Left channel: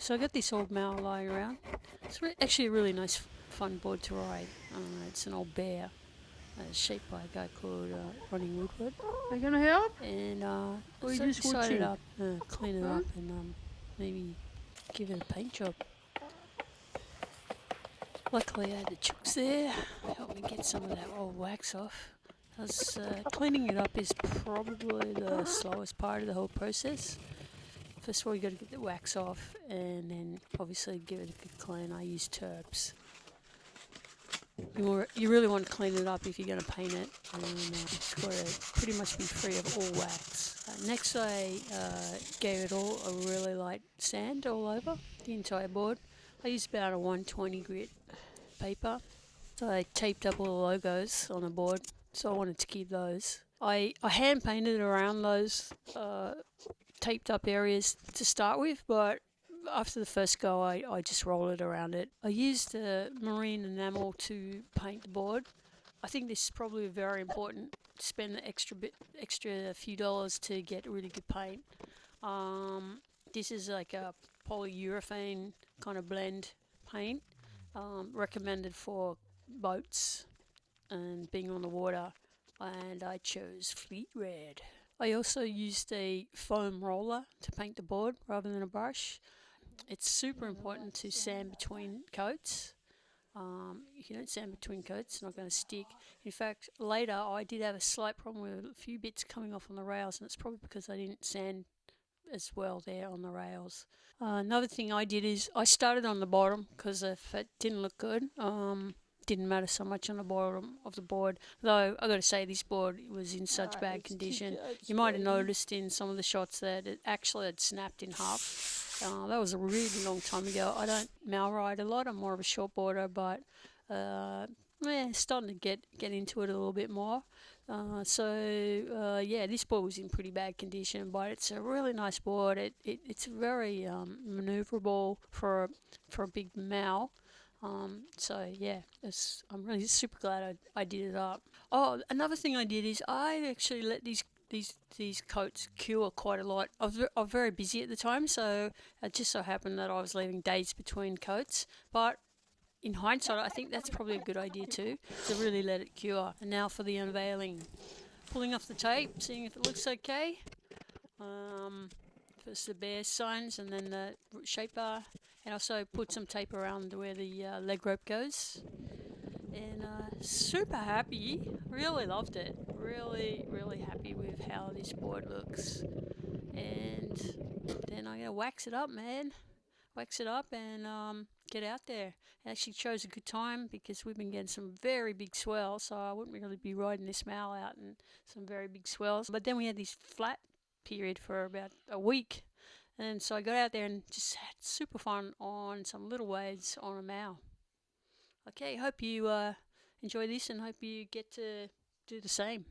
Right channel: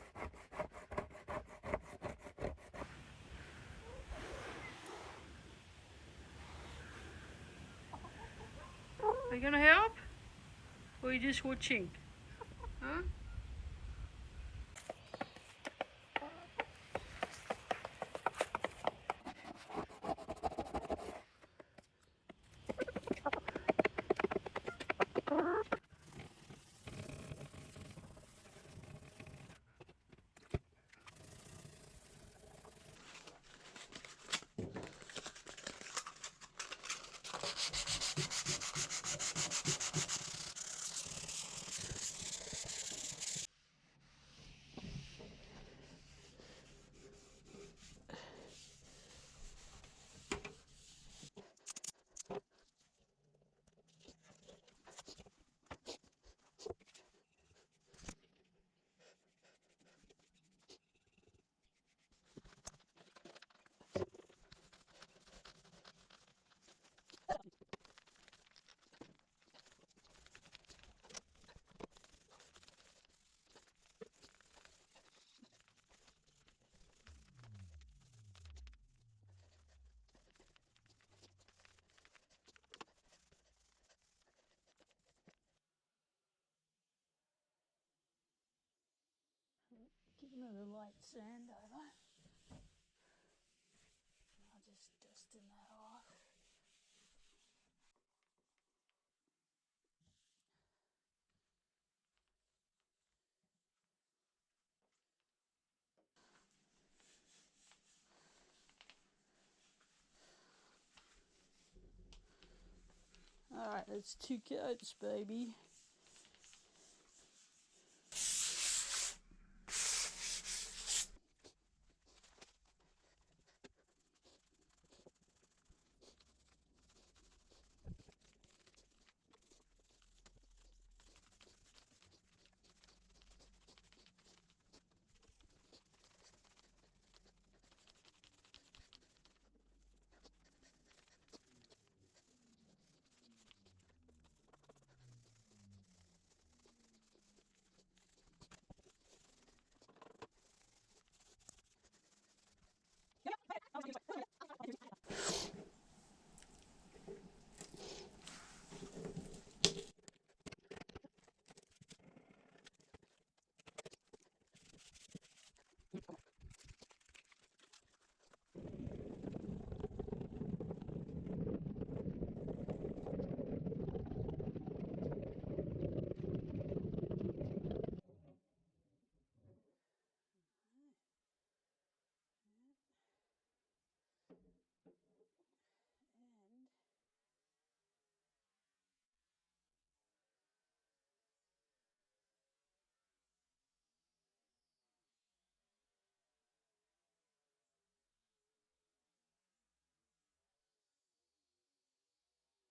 So I got this old Mao lying around. It's actually a really nice, fun board to ride. It's an old bear, shaped by a guy called Ronnie Woodward. Are you gonna help? And Or are you so I just decided watching? to clean it Huh? up and maybe give it a paint job. Luckily I had the chicks there, help me get some of that old wax off. Because cleaning it up is probably the slowest part of the whole process. First of all, you got to get the wax off, and then obviously give it a good clean. I use turps. You really want to clean it up if you're going to paint it, and it's got to pretty much be free of all wax. Next, I gave it all a really light sand all over the entire board. I used about a 120 grit paper. So I taped up all the logos on the board, so I wanted to keep those. I hand painted around those taped up areas to start with, but after the first go, I just rolled it around it. I used marine enamel to paint the board. I think this is probably very important to spend the extra few dollars to get really good paint. This is like a polyurethane kind of blend paint, recommended for boats and being on the water, and I chose Fleet Red. I also used a foam roller to paint the board rather than a brush. It's super important to sand between coats. If you don't sand between coats, it's not going to stick. In fact, later I did have a slight problem with a few bits coming off on the rails, and it's probably because I didn't sand as well there on the rails. Another thing I did is I started on the bottom because if it didn't look good, didn't matter so much on the bottom of the board. Though I got to say, this board was in such bad condition. You might have noticed in some of the shots that it actually had snapped in half. That was a really long time ago. I don't mal ride a lot. I'm more of a short boarder, but starting to get into it a little bit more. This board was in pretty bad condition, but it's a really nice board. It's very maneuverable for a big Mao. I'm really super glad I did it up. Oh, another thing I did is I actually let these coats cure quite a lot. I was very busy at the time, so it just so happened that I was leaving days between coats. But in hindsight, I think that's probably a good idea too, to really let it cure. And now for the unveiling. Pulling off the tape, seeing if it looks okay. First the bear signs and then the shape bar. And also put some tape around where the leg rope goes. And super happy, really loved it. Really, really happy with how this board looks. And then I'm going to wax it up, man. Wax it up and get out there. It actually chose a good time because we've been getting some very big swells, so I wouldn't really be riding this mal out in some very big swells. But then we had this flat period for about a week, and so I got out there and just had super fun on some little waves on a mal. Okay, hope you enjoy this and hope you get to do the same.